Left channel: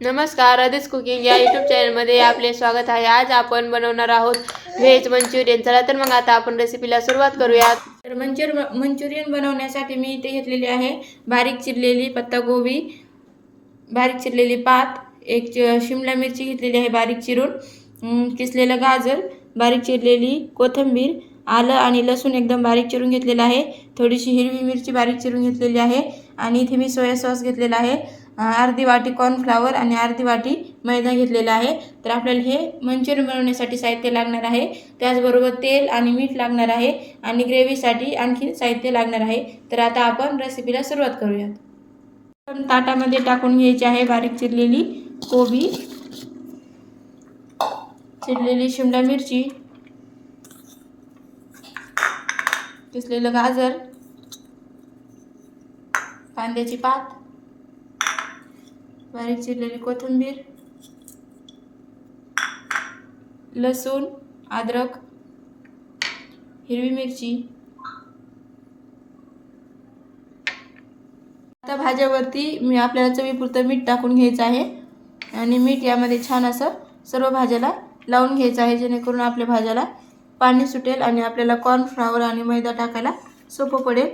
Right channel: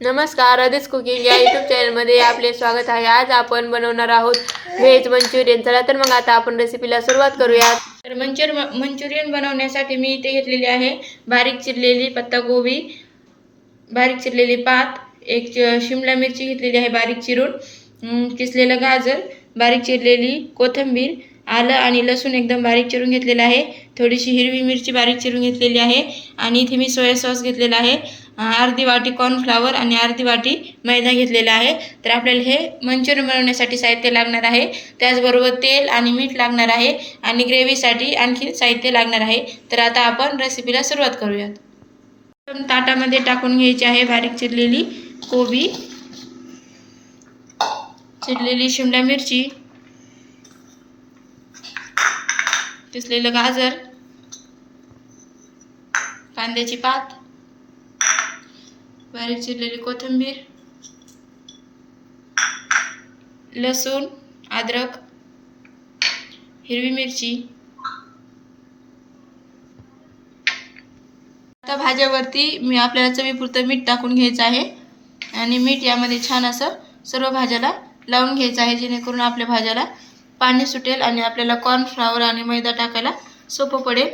नमस्कार, आदिच कुकिंग या यूट्यूब चॅनलमध्ये आपले स्वागत आहे। आज आपण बनवणार आहोत व्हेज मंचुरियन। चला तर मग आता आपण रेसिपीला सुरुवात करूया। तर मंचुरियन बनवण्यासाठी मी इथे घेतलेली आहे बारीक चिरलेली पत्तागोबी, बारीक चिरलेली पात, एक शिमला मिरची घेतलेली आहे बारीक चिरून, किसलेलं गाजर, बारीक चिरलेली कोथिंबीर, आलं आणि लसूण एकदम बारीक चिरून घेतलेला आहे, थोडीशी हिरवी मिरची बारीक चिरून घेतलेली आहे आणि इथे मी सोया सॉस घेतलेला आहे, अर्धी वाटी कॉर्नफ्लॉवर आणि अर्धी वाटी मैदा घेतलेला आहे। तर आपल्याला हे मंचुरियन बनवण्यासाठी साहित्य लागणार आहे, त्याचबरोबर तेल आणि मीठ लागणार आहे आणि ग्रेव्हीसाठी आणखी साहित्य लागणार आहे। तर आता आपण रेसिपीला सुरुवात करूयात। ताटामध्ये टाकून घ्यायची आहे बारीक चिरलेली कोबी, चिरलेली शिमला मिरची, किसलेलं गाजर, कांद्याची पात, बारीक चिरलेली कोथिंबीर, लसूण, अद्रक, हिरवी मिरची। आता भाज्यावरती मी आपल्याला चवीपुरतं मीठ टाकून घ्यायचं आहे आणि मीठ यामध्ये छान असं सर्व भाज्याला लावून घ्यायचं आहे, जेणेकरून आपल्या भाज्याला पाणी सुटेल आणि आपल्याला कॉर्नफ्लॉवर आणि मैदा टाकायला सोपं पडेल।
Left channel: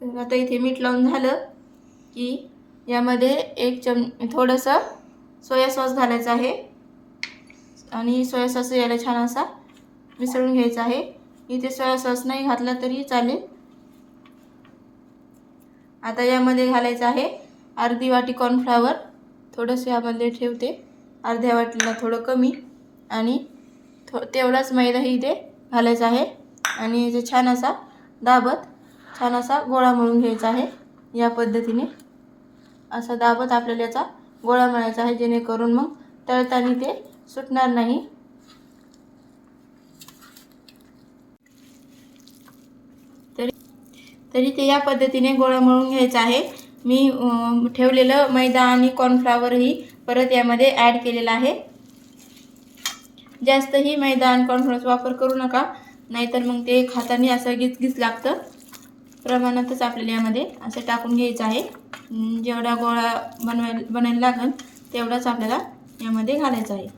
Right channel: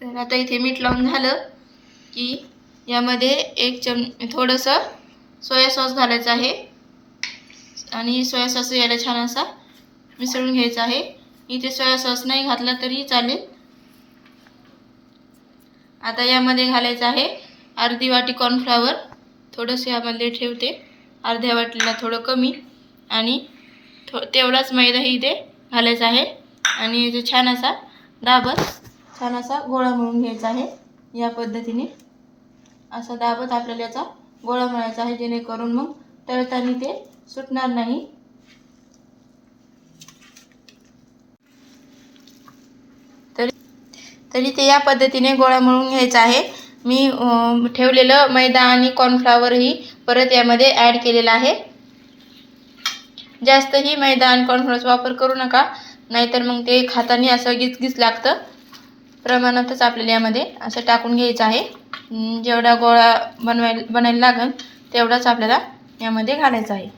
तर आता इथे मीठ लावून झालं की यामध्ये एक थोडंसं सोया सॉस घालायचं आहे आणि सोया सॉस याला छान असा मिसळून घ्यायचा आहे। इथे सोया सॉस नाही घातला तरी चालेल। आता यामध्ये घालायचं आहे अर्धी वाटी कॉर्नफ्लॉवर, थोडंसं यामध्ये ठेवते, अर्ध्या वाटीला थोडं कमी, आणि तेवढाच मैदाही इथे घालायचा आहे आणि इथे छान असा दाबत छान असा गोळा मळून घ्यायचा आहे। या पद्धतीने असा दाबत आपल्याला याचा गोळा मळायचा आहे, जेणेकरून मग तळताना ते सुटणार नाही। तरी ते या पद्धतीने गोळा मळून घ्यायचा आहे। मी ठेवलेलं मैदा आणि कॉर्नफ्लॉवरही परत यामध्ये ॲड केलेला आहे। जास्तही मैदा आणि कॉर्नफ्लॉवरचा वापर करू नका, नाहीतर मग ते खाताना असं गिचगिच लागतं। प्रमाणातच आपल्याला यामध्ये असं टाकून घ्यायचं आहे, जेवढा गोळा बनायला लागेल तेवढाच आपल्याला यामध्ये घालायचा आहे।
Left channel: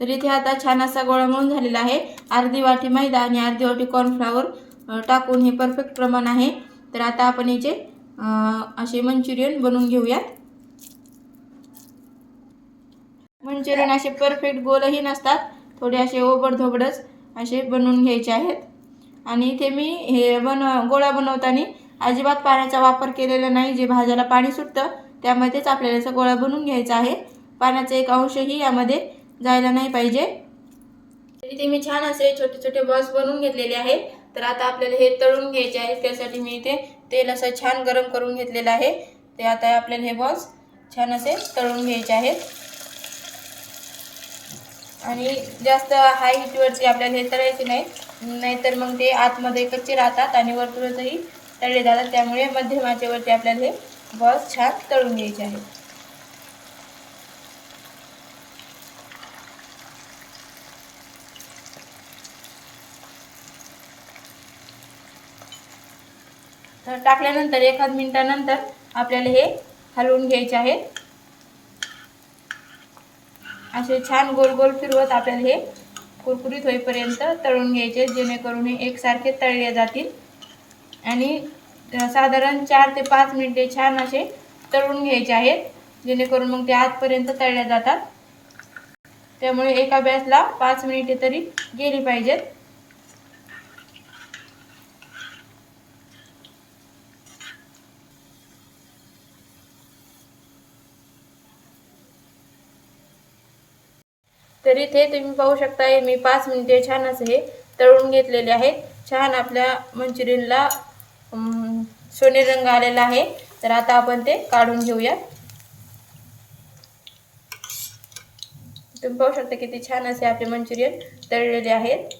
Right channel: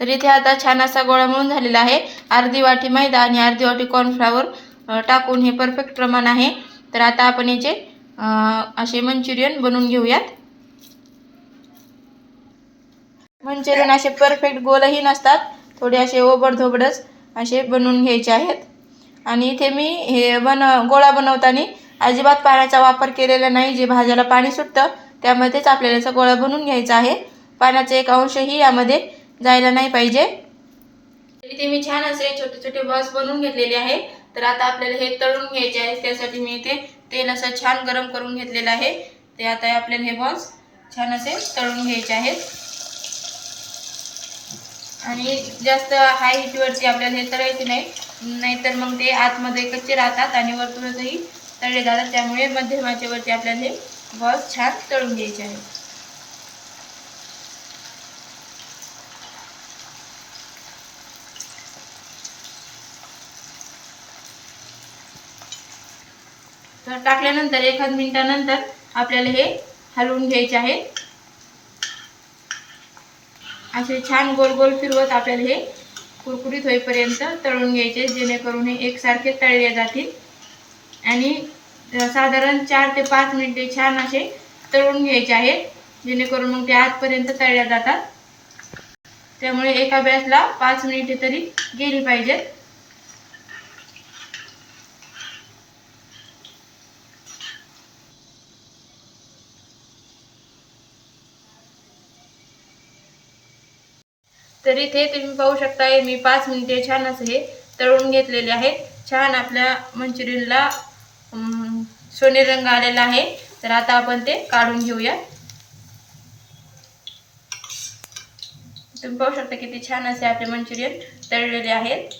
तर इथे आता छान असा गोळा मळून झालेला आहे। अर्धी वाटी मैदा आणि अर्धी वाटी कॉर्नफ्लॉवर टाकून हे परफेक्ट प्रमाण आहे। तर आता आपण याचे असे मंचुरियन बनवून घेऊयात। मंचुरियन असे परफेक्ट गोलही नसतात, थोडे असे ओबडधोबडच असे बनवून घ्यायचे आहेत। आणि इथे मी हे गोळा बनवताना अजिबात पाण्याचा वापर केलेला नाही। जे भाज्याला पाणी सुटतं त्यामध्येच आपल्याला याचा गोळा बनवून घ्यायचा आहे, पाण्याचा एक अंशही यामध्ये जायला नाही पाहिजे। इथे मी छान असे छोटे छोटे बॉल्स बनवून घेतलेले आहे। तर आता आपल्याला हे तळून घ्यायचे आहे, त्यासाठी मी इथे तेल असं छान गरम करून घेतलेलं आहे। ते आता आपल्याला हे बॉल्स छान असे तळून घ्यायचे आहेत आणि जास्त हाय हीटवरती आपल्याला हे तळायचे नाही, नाहीतर मग ते आतमध्ये कच्चे राहतात आणि वरतूनही तळले जातात। त्यामुळे मध्यम आचेवरती आपल्याला हे बॉल्स छान तळून घ्यायचे आहेत। तर टाकल्यानंतर एखाद मिनिटानंतर आपल्याला हे हलवून घ्यायचे आहे। असे छान गोल गोल फिरवत आपल्याला हे कुरकुरीत होईपर्यंत तळून घ्यायचे, जेणेकरून हे एकसारखे तळले जातील आणि साधारण 4 ते 5 मिनिटे छान असे तळून घ्यायचे आहेत, जेणेकरून मग ते आतपर्यंत तळल्या जातात। त्यामुळे एका बॅचला 5 मिनिटे तरी गेली पाहिजेत। तर इथे तुम्ही पाहू शकता, मी 5 मिनिटे छान असे हे तळून घेतलेले आहेत। छान आपल्या मंचुरियनला सोनेरी रंग आलेला आहे। तर आता आपण ते काढून घेऊया। तुम्ही पाहू शकता किती छान असे आपले मंचुरियन तळलेले आहेत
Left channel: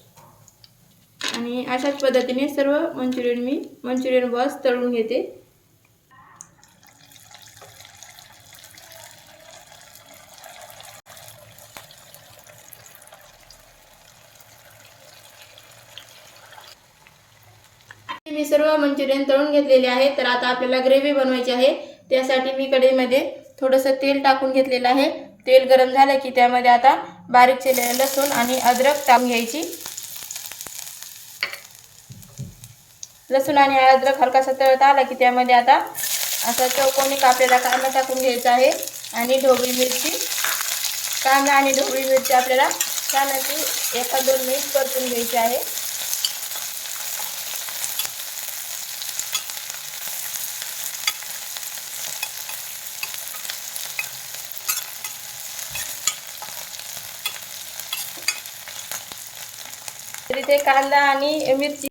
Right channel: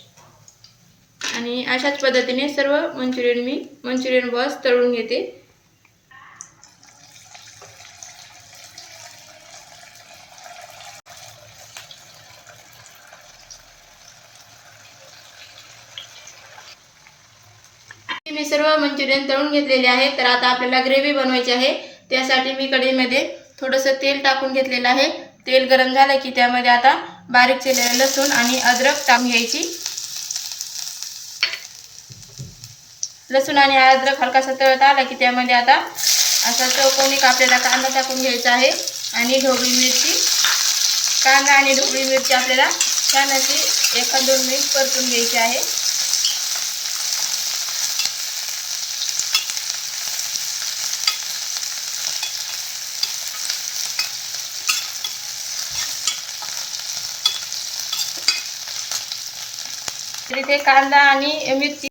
आणि अशाच पद्धतीने सर्व मंचुरियन बॉल्स तळून घेते। मी सर्व मंचुरियन तळून घेतलेले आहे. तर आता आपल्याला ग्रेव्ही बनवायची आहे. त्यासाठी मी कढईमध्ये थोडंसं तेल टाकून घेतलेलं आहे. तेल गरम झालं की त्यामध्ये आता बारीक चिरलेलं लसूण आणि अद्रक टाकून घ्यायची. लसूण आणि अद्रक हलकासा तळत आला की त्यामध्ये आता असा चौकोनी कापलेला कांदा टाकून घ्यायचा आहे आणि ढोबळी मिरची. कांदा आणि ढोबळी मिरची आपल्याला छान अशी 1-2 मिनिट परतून घ्यायची आहे. तर इथे कांदा आणि मिरची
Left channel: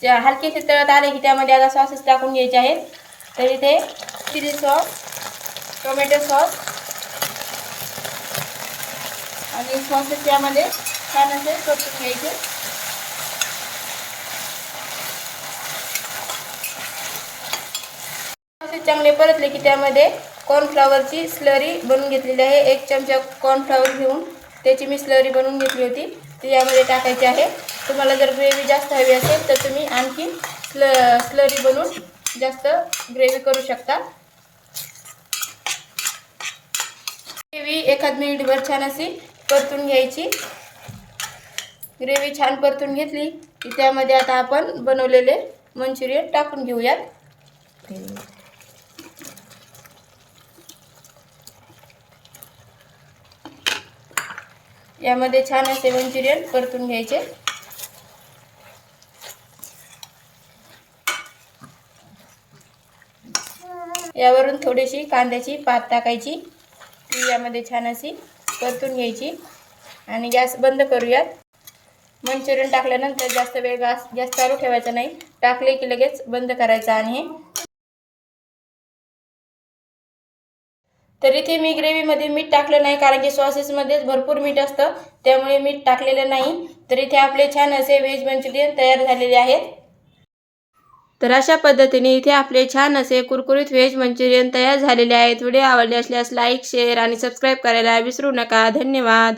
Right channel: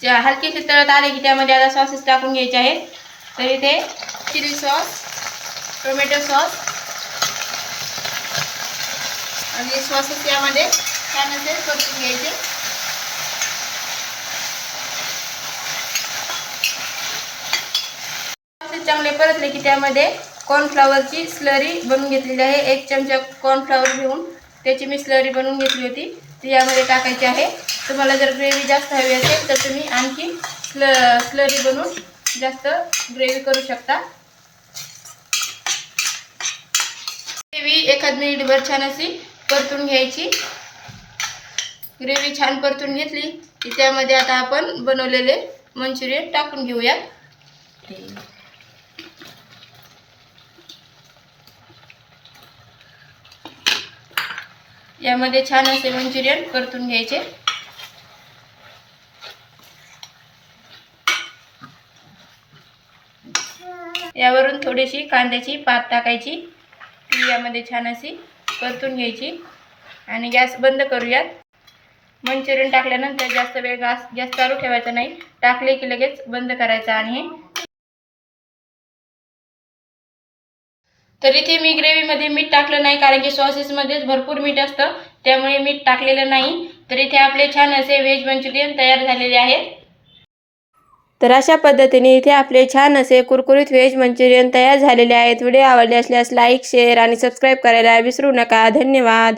हलकीशी तळत आले की त्यामध्ये आता सॉसेस टाकून घ्यायचे आहेत. तर इथे चिली सॉस, टोमॅटो सॉस आणि सॉसेस यामध्ये छान असे परतून घ्यायचे. सॉसेस चांगले परतले की त्यामध्ये कॉर्नफ्लॉवरची स्लरी बनवून घेतलेली आहे. 1 चमचा कॉर्नफ्लॉवर घेऊन त्याची मी स्लरी बनवून घेतली होती, ती यामध्ये टाकायची आहे. तुम्हाला जर ग्रेव्ही जास्त हवी असेल तर तुम्ही आणखी स्लरी बनवून जास्त ग्रेव्ही करू शकता. ग्रेव्ही 1 मिनिटभर छान अशी परतून घ्यायची. ग्रेव्ही छान परतून घेतली की त्यामध्ये आता आपण बनवलेले मंचुरियन टाकून घेऊयात. यामध्ये छान असे मंचुरियन परतून घ्यायचे. यावरून थोडीशी कांद्याची पात टाकायची, ती यामध्ये छान अशी परतून घ्यायची आणि गॅस बंद करूयात. मंचुरियन टाकल्यानंतर जास्त वेळ गॅस चालू ठेवायचा नाही, टाकले की लगेच बंद करायचा. आणि तर इथे मी ग्रेव्हीमध्ये मीठ टाकलं नाही, कारण की सॉसेसमध्येच भरपूर मीठ असतं, त्यामुळे मीठ टाकलेलं नाही. तर इथे आपले छान असे व्हेज मंचुरियन तयार झालेले आहेत. तर अशा पद्धतीने इथे आपले छान असे कुरकुरीत व्हेज मंचुरियन तयार झालेले आहेत. व्हिडिओ आवडले असल्यास लाईक, शेअर आणि सबस्क्राईब करायला विसरू नका. धन्यवाद.